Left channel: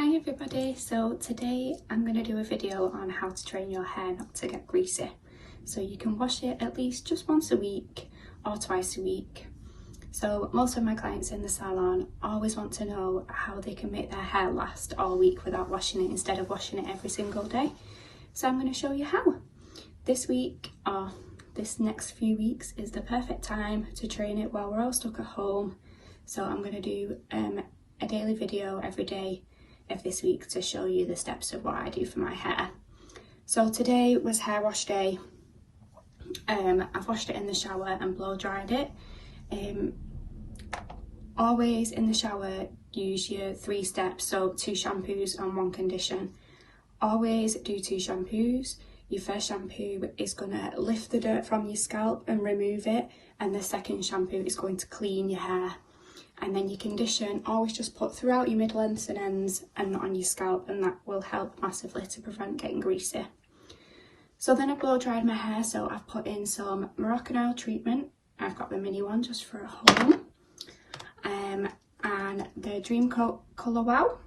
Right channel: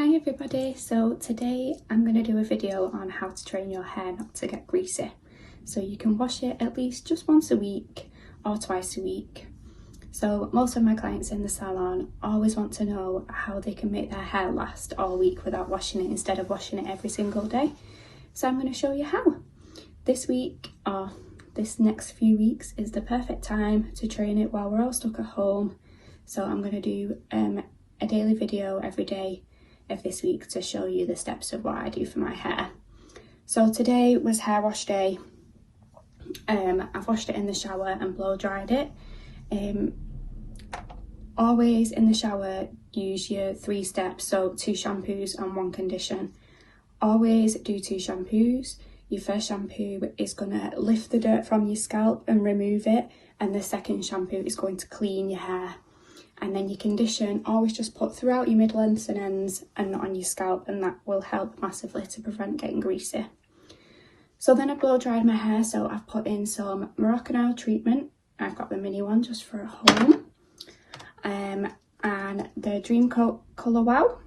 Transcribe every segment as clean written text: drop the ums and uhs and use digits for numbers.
Hi everybody, so today I'm going to do a video on how to train your hair not to get greasy. So you can wash it at least just once a week or twice a week. So most of my clients in the salon always want to know how they can make their hair last all week without washing it instead of washing it every single day. So I'm going to show you how. This week or this next few weeks is the perfect time to train it while we're all stuck at home. So I'm going to do a daily video every day of this week to show you the steps of what I do for my hair. So today was hair wash day. I've washed it in the shower and blow dried it. Always in the shower use your 3 steps, so 2 shampoos and 1 condition. Always do 2 shampoos. Your first shampoo is going to lift the dirt from your scalp and remove it, and the second shampoo is going to clean your hair. And then your condition, always just put throughout your mid-lengths and ends and not on your scalp, and that will help massively to prevent getting greasy. So then I blow dried my hair, so I've put in some Moroccan oil treatment. I've got the mini one just for at home. And the Dream Coat Colour Wow,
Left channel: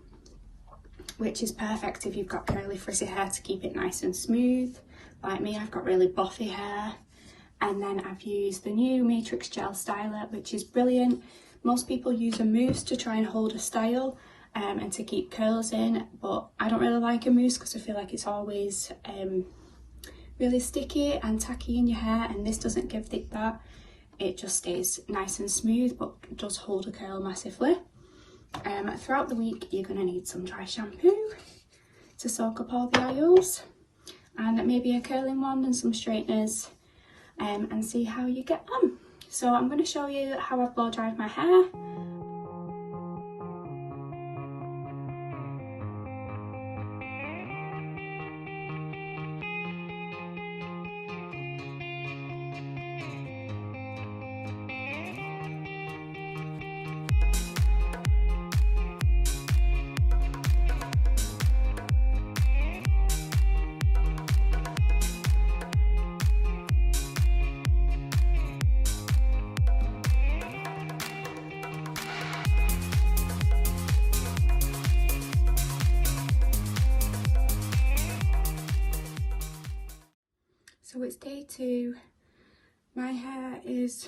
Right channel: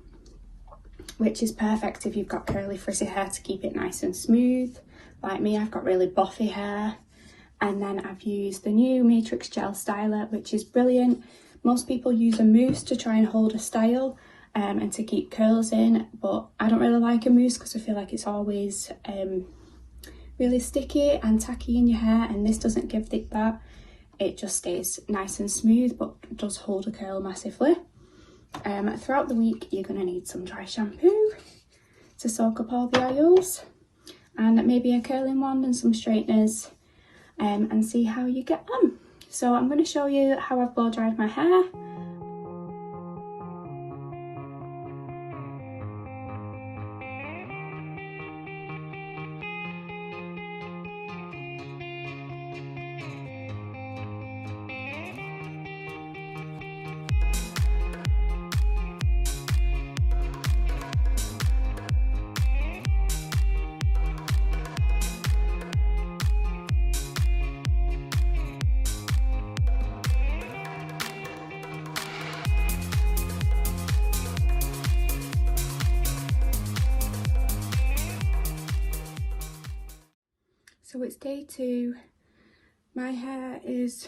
which is perfect if you've got curly frizzy hair to keep it nice and smooth. Like me, I've got really buffy hair. And then I've used the new Matrix Gel Styler, which is brilliant. Most people use a mousse to try and hold a style and to keep curls in, but I don't really like a mousse because I feel like it's always really sticky and tacky in your hair, and this doesn't give that. It just stays nice and smooth but does hold a curl massively. Throughout the week you're going to need some dry shampoo to soak up all the oils, and maybe a curling wand and some straighteners, and see how you get on. So I'm going to show you how I've blow dried my hair. So it's day 2. My hair is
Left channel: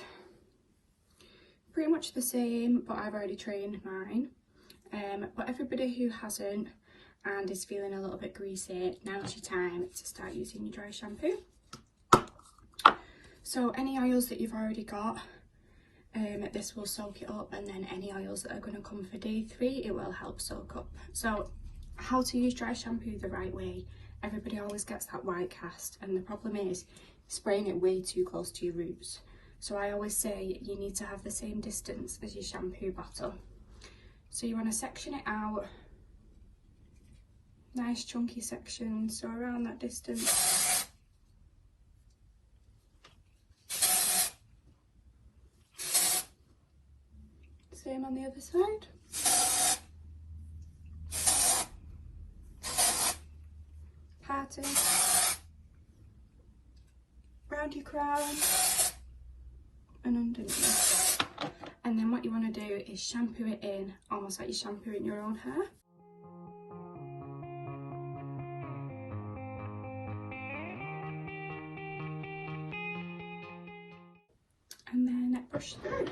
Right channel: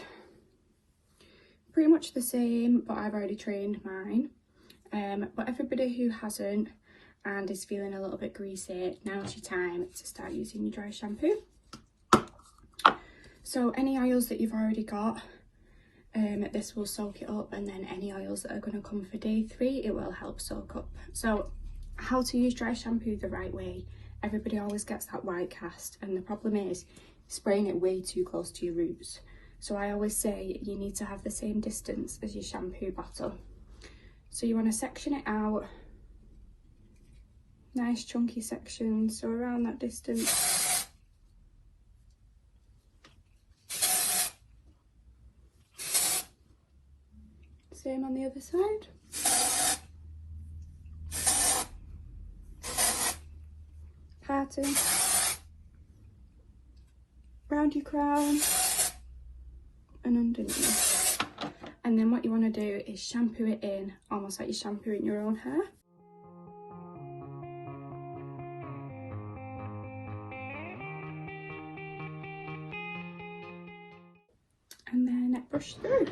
pretty much the same, but I've already trained mine. But everybody who hasn't and is feeling a little bit greasy, now's your time to start using your dry shampoo. So any oils that you've already got, this will soak it up, and then any oils that are going to come for day 3, it will help soak up. So how to use dry shampoo the right way. Everybody always gets that white cast, and the problem is spraying it way too close to your roots. So I always say you need to have the same distance as your shampoo bottle. So you want to section it out, nice chunky sections, so around that distance. Same on the other side. Parting round your crown and underneath. And then what you want to do is shampoo it in, almost like you're shampooing your own hair. And then brush through.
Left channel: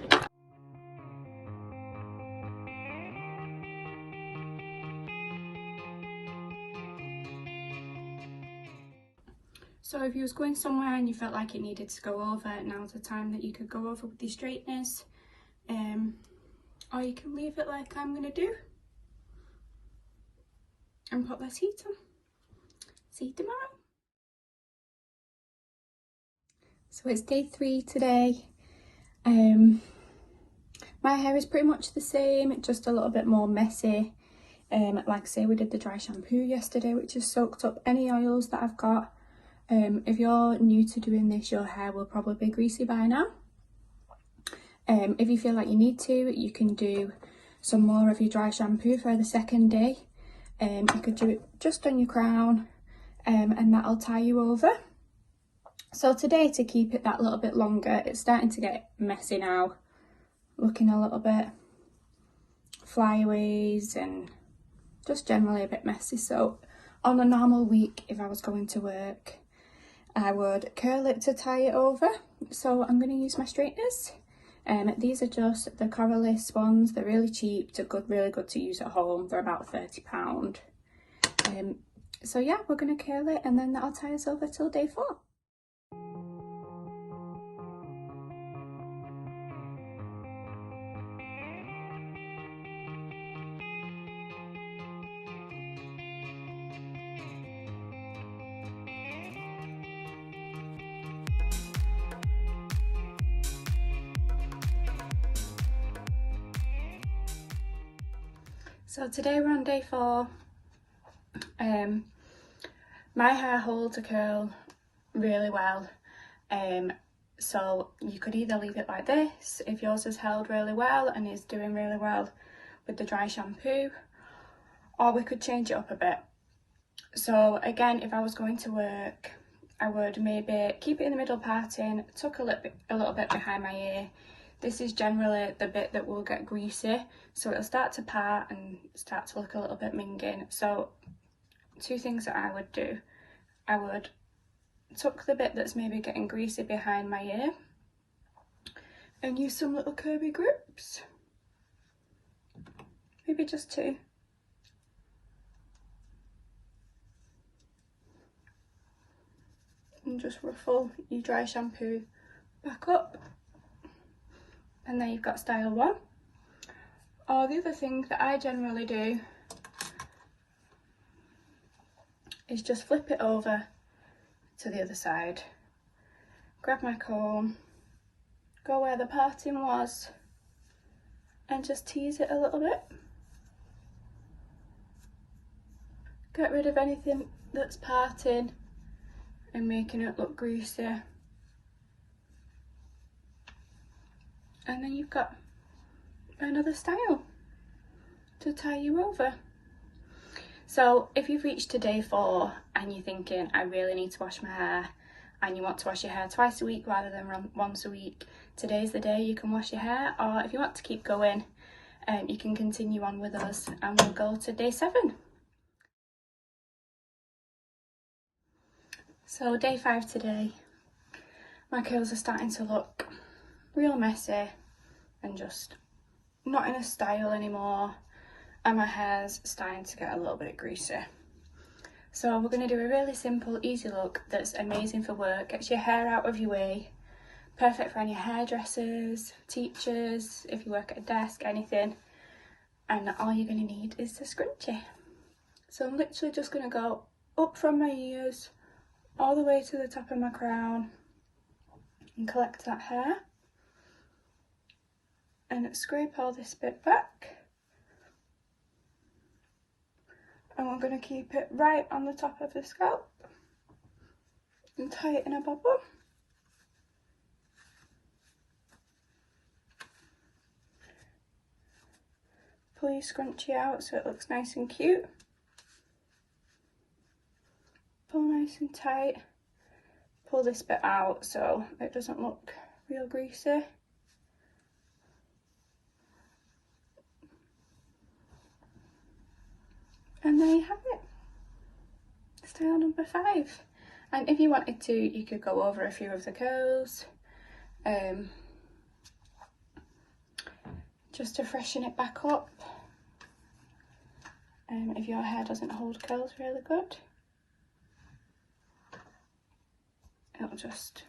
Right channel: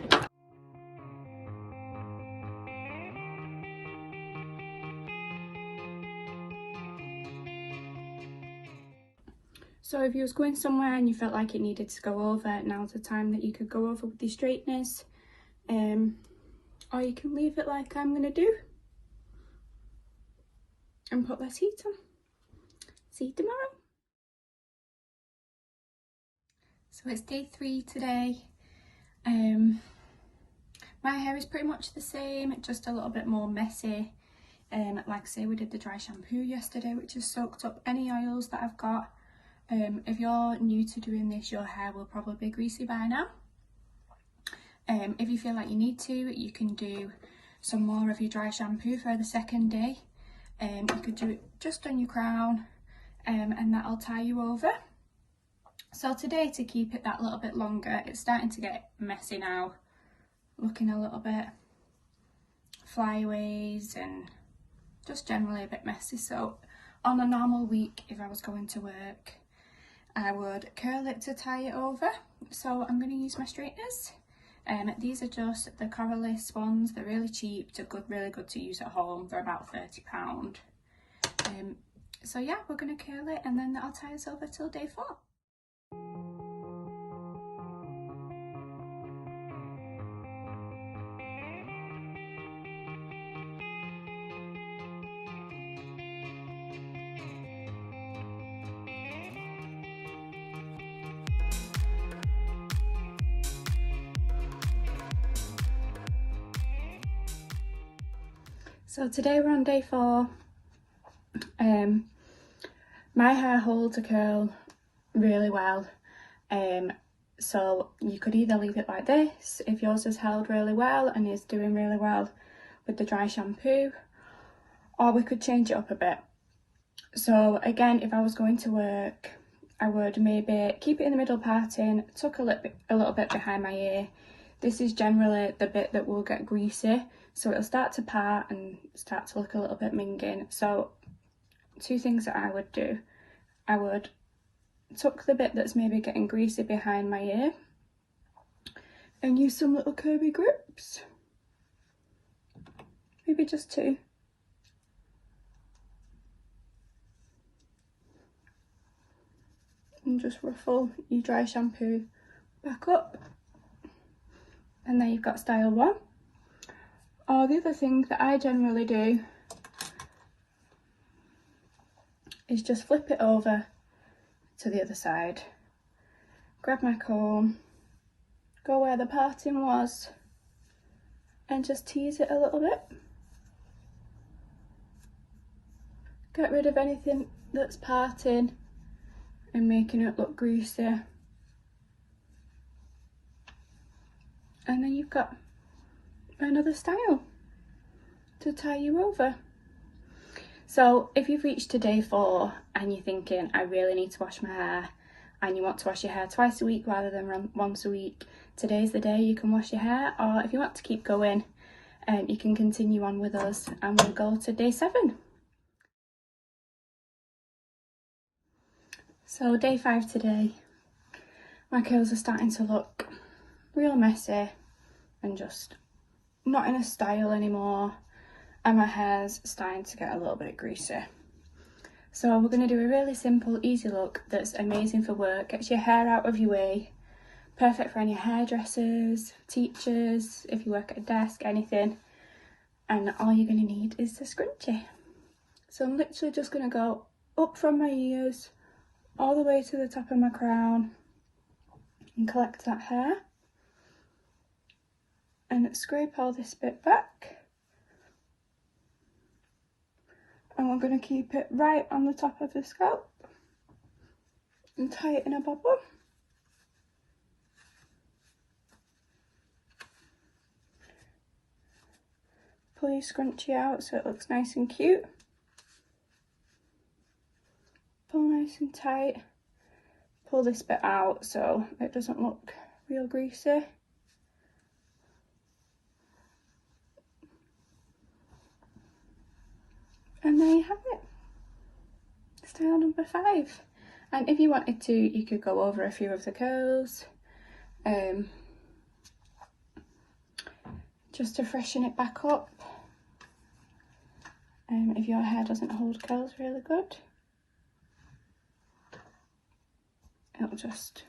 So if you was going somewhere and you felt like it needed to go over, now's the time that you could go over with your straighteners. Or you can leave it like I'm going to do and put less heat on. See you tomorrow. So it's day 3 today. My hair is pretty much the same, just a little bit more messy. Like I say, we did the dry shampoo yesterday, which has soaked up any oils that I've got. If you're new to doing this, your hair will probably be greasy by now. If you feel like you need to, you can do some more of your dry shampoo for the second day. You could do it just on your crown, and that'll tie you over. So today, to keep it that little bit longer, it's starting to get messy now, looking a little bit flyaways and just generally a bit messy. So on a normal week, if I was going to work, I would curl it to tie it over. So I'm going to use my straighteners. These are just the Coralice ones. They're really cheap, really good to use at home. They're about £30. So yeah, we're going to curl it and then that'll tie us over till day 4. So today we're on day 4. My hair holds a curl really well, so you could either leave it like this if yours is held really well and is doing really well with the dry shampoo, or we could change it up a bit. So again, if I was going to work, I would maybe keep it in the middle parting, tuck a little bit behind my ear. This is generally the bit that will get greasy, so it'll start to part and start to look a little bit minging. So 2 things that I would do. I would tuck the bit that's maybe getting greasy behind my ear and use some little curvy grips. Maybe just 2. And just ruffle your dry shampoo back up. And then you've got style 1. Or the other thing that I generally do is just flip it over to the other side, grab my comb, go where the parting was and just tease it a little bit. Get rid of anything that's parting and making it look greasy. And then you've got another style to tie you over. So if you've reached to day 4 and you're thinking, I really need to wash my hair, and you want to wash your hair twice a week rather than once a week, today's the day you can wash your hair. Or if you want to keep going, you can continue on with us and we'll go to day 7. So day 5 today, my curls are starting to look real messy and just not in a style anymore, and my hair's starting to get a little bit greasy. So we're going to do a really simple, easy look that's amazing for work, gets your hair out of your way, perfect for any hairdressers, teachers, if you work at a desk, anything. And all you're going to need is the scrunchie. So I'm literally just going to go up from my ears all the way to the top of my crown and collect that hair and scrape all this bit back. And we're going to keep it right on the top of the scalp and tie it in a bobble. Pull your scrunchie out so it looks nice and cute. Pull nice and tight. Pull this bit out so it doesn't look real greasy. And there you have it, style number 5. And if you wanted to, you could go over a few of the curls, just to freshen it back up. If your hair doesn't hold curls really good, it'll just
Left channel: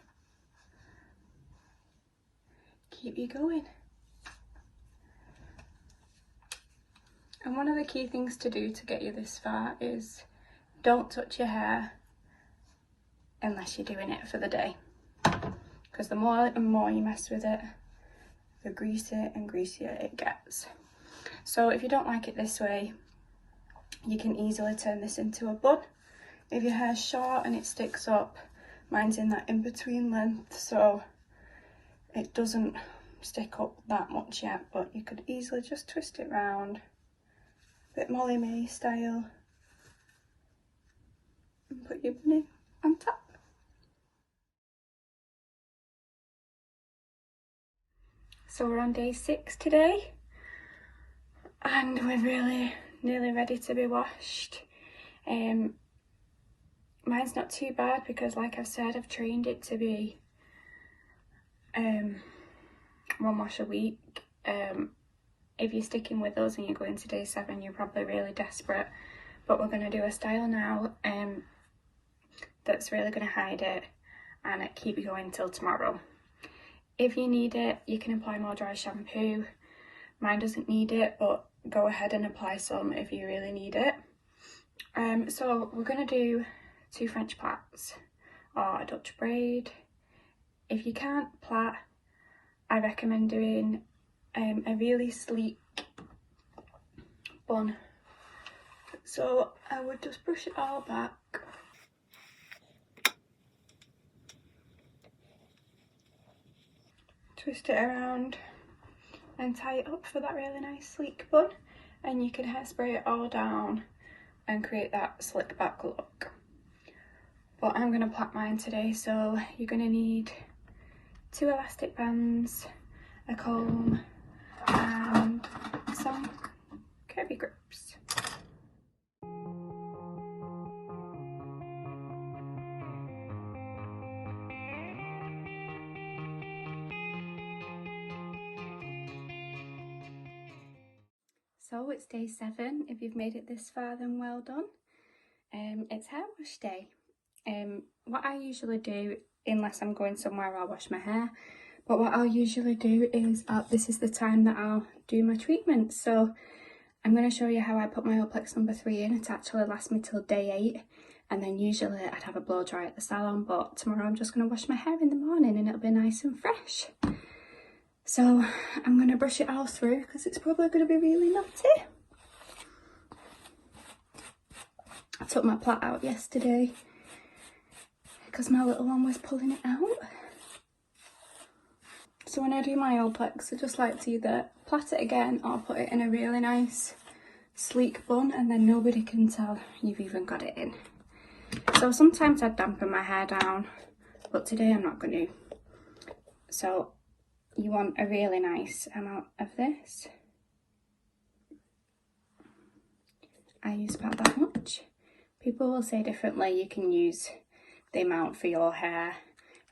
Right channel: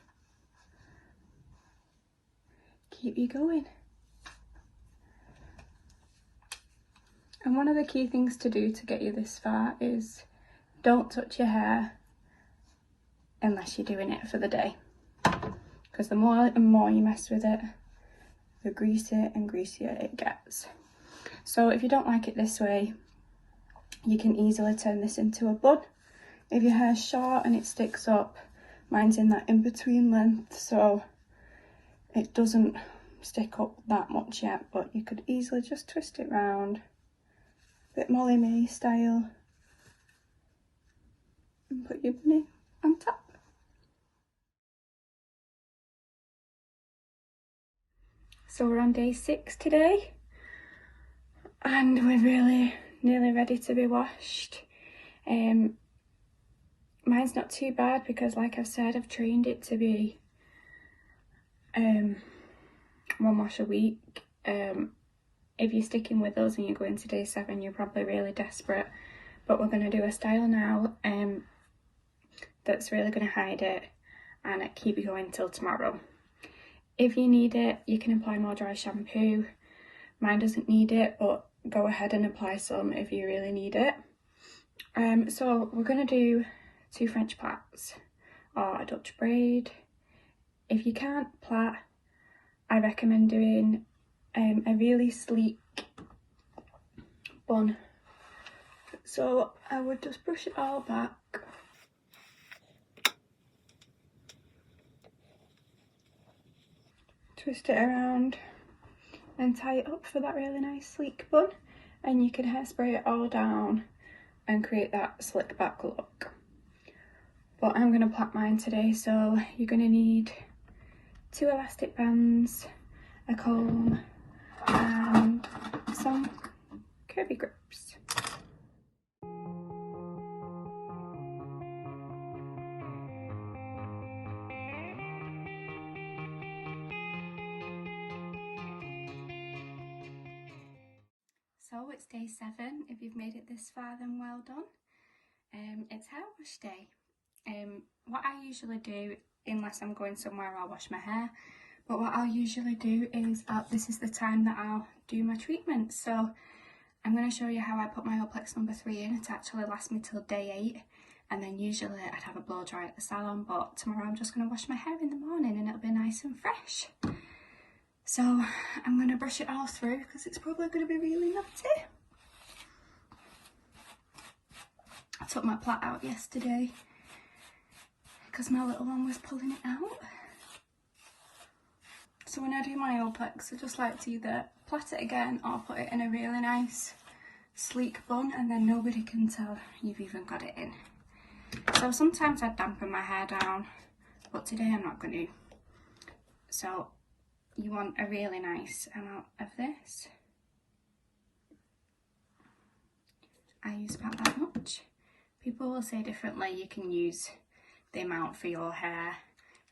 keep you going. And one of the key things to do to get you this far is don't touch your hair unless you're doing it for the day. Because the more and more you mess with it, the greasier and greasier it gets. So if you don't like it this way, you can easily turn this into a bun. If your hair's short and it sticks up, mine's in that in-between length, so it doesn't stick up that much yet, but you could easily just twist it round. Bit Molly May style, and put your bunny on top. So we're on day 6 today, and we're really nearly ready to be washed. Mine's not too bad because, like I've said, I've trained it to be 1 wash a week. If you're sticking with us and you're going to day 7, you're probably really desperate, but we're going to do a style now that's really going to hide it and keep you going till tomorrow. If you need it, you can apply more dry shampoo. Mine doesn't need it, but go ahead and apply some if you really need it. So we're going to do 2 French plaits or a Dutch braid. If you can't plait, I recommend doing a really sleek bun. So I would just brush it all back. Twist it around and tie it up for that really nice sleek bun, and you can hairspray it all down and create that slick back look. But I'm going to plait mine today, so you're going to need 2 elastic bands, a comb and some curvy grips. So it's day 7. If you've made it this far, then well done. It's hair wash day. What I usually do, unless I'm going somewhere, I'll wash my hair. But what I'll usually do is, this is the time that I'll do my treatment. So I'm going to show you how I put my Olaplex number 3 in. It actually lasts me till day 8. And then usually I'd have a blow dry at the salon. But tomorrow I'm just going to wash my hair in the morning and it'll be nice and fresh. So I'm going to brush it all through because it's probably going to be really knotty. I took my plait out yesterday because my little one was pulling it out. So when I do my Olaplex, I just like to either plait it again or put it in a really nice sleek bun, and then nobody can tell you've even got it in. So sometimes I dampen my hair down, but today I'm not going to. So you want a really nice amount of this. I use about that much. People will say differently. You can use the amount for your hair.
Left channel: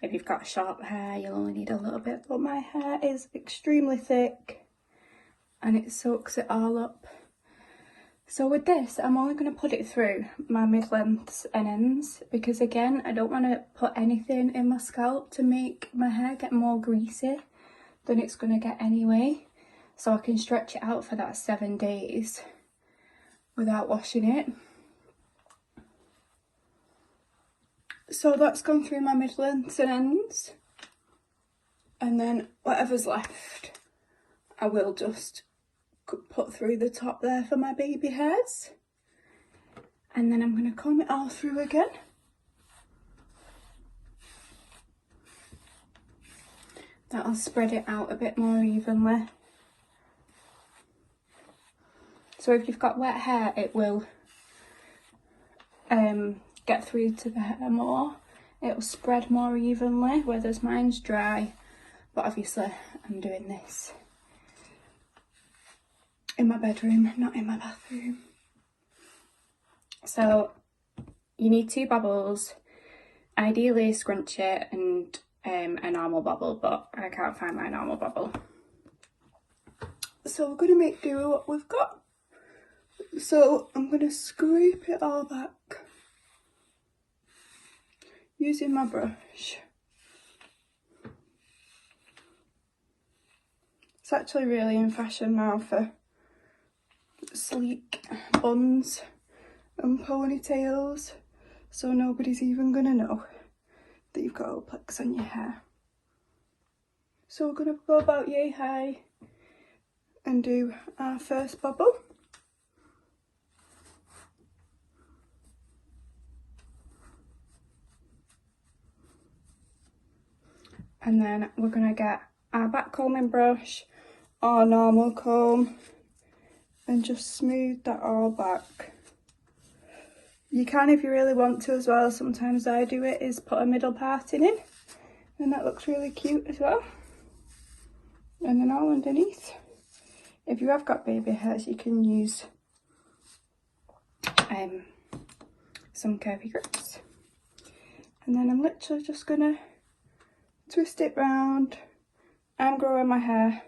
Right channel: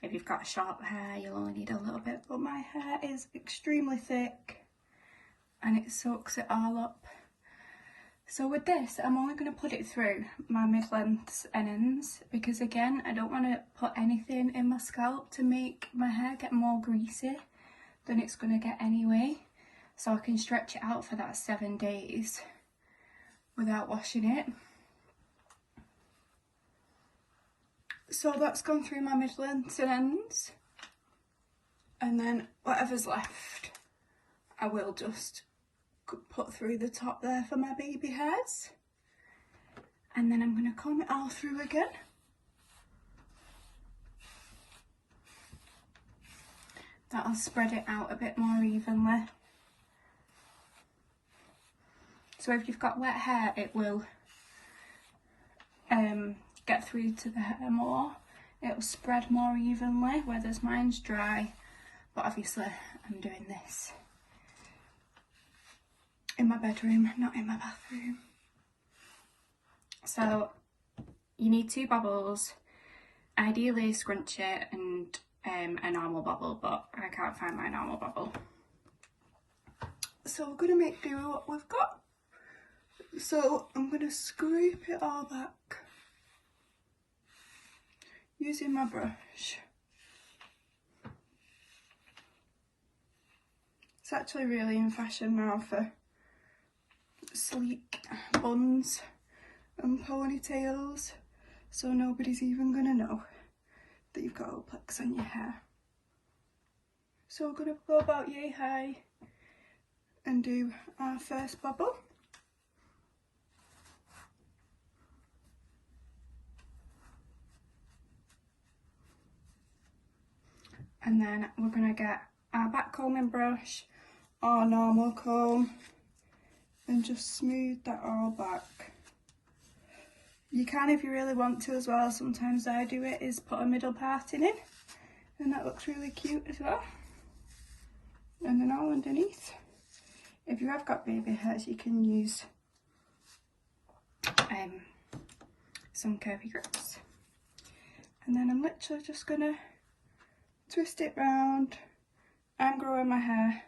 If you've got short hair, you'll only need a little bit, but my hair is extremely thick and it soaks it all up. So with this, I'm only going to put it through my mid-lengths and ends because, again, I don't want to put anything in my scalp to make my hair get more greasy than it's going to get anyway. So I can stretch it out for that 7 days without washing it. So that's gone through my mid-lengths and ends, and then whatever's left I will just put through the top there for my baby hairs, and then I'm going to comb it all through again. That'll spread it out a bit more evenly. So if you've got wet hair, it will get through to the hair more. It'll spread more evenly, whereas mine's dry. But obviously I'm doing this in my bedroom, not in my bathroom. So you need 2 bobbles, ideally scrunch it and a normal bobble, but I can't find my normal bobble. So we're going to make do with what we've got. So I'm going to scrape it all back using my brush. It's actually really in fashion now for sleek buns and ponytails, so nobody's even going to know that you've got Olaplex on your hair. So we're going to go about yay high and do our first bubble. And then we're going to get our back combing brush or normal comb and just smooth that all back. You can, if you really want to as well. Sometimes I do it, is put a middle parting in, and that looks really cute as well. And then all underneath. If you have got baby hairs, you can use some curvy grips. And then I'm literally just gonna twist it round. I'm growing my hair,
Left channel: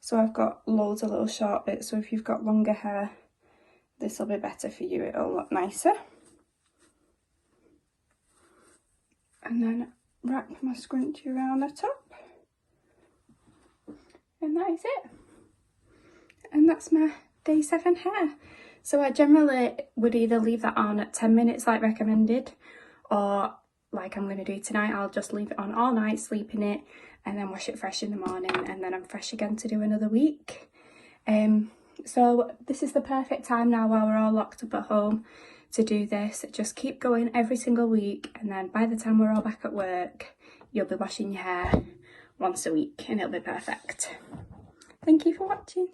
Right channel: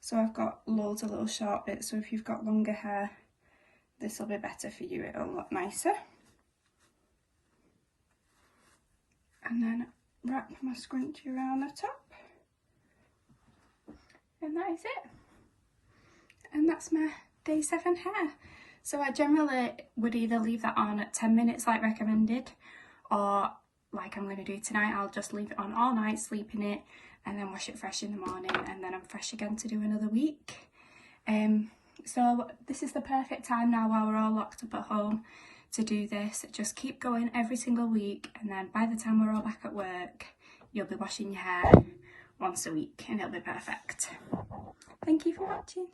so I've got loads of little short bits, so if you've got longer hair, this will be better for you, it'll look nicer. And then wrap my scrunchie around the top. And that is it. And that's my day 7 hair. So I generally would either leave that on at 10 minutes like recommended, or like I'm going to do tonight, I'll just leave it on all night, sleep in it, and then wash it fresh in the morning, and then I'm fresh again to do another week. So this is the perfect time now while we're all locked up at home to do this. Just keep going every single week, and then by the time we're all back at work, you'll be washing your hair once a week and it'll be perfect. Thank you for watching.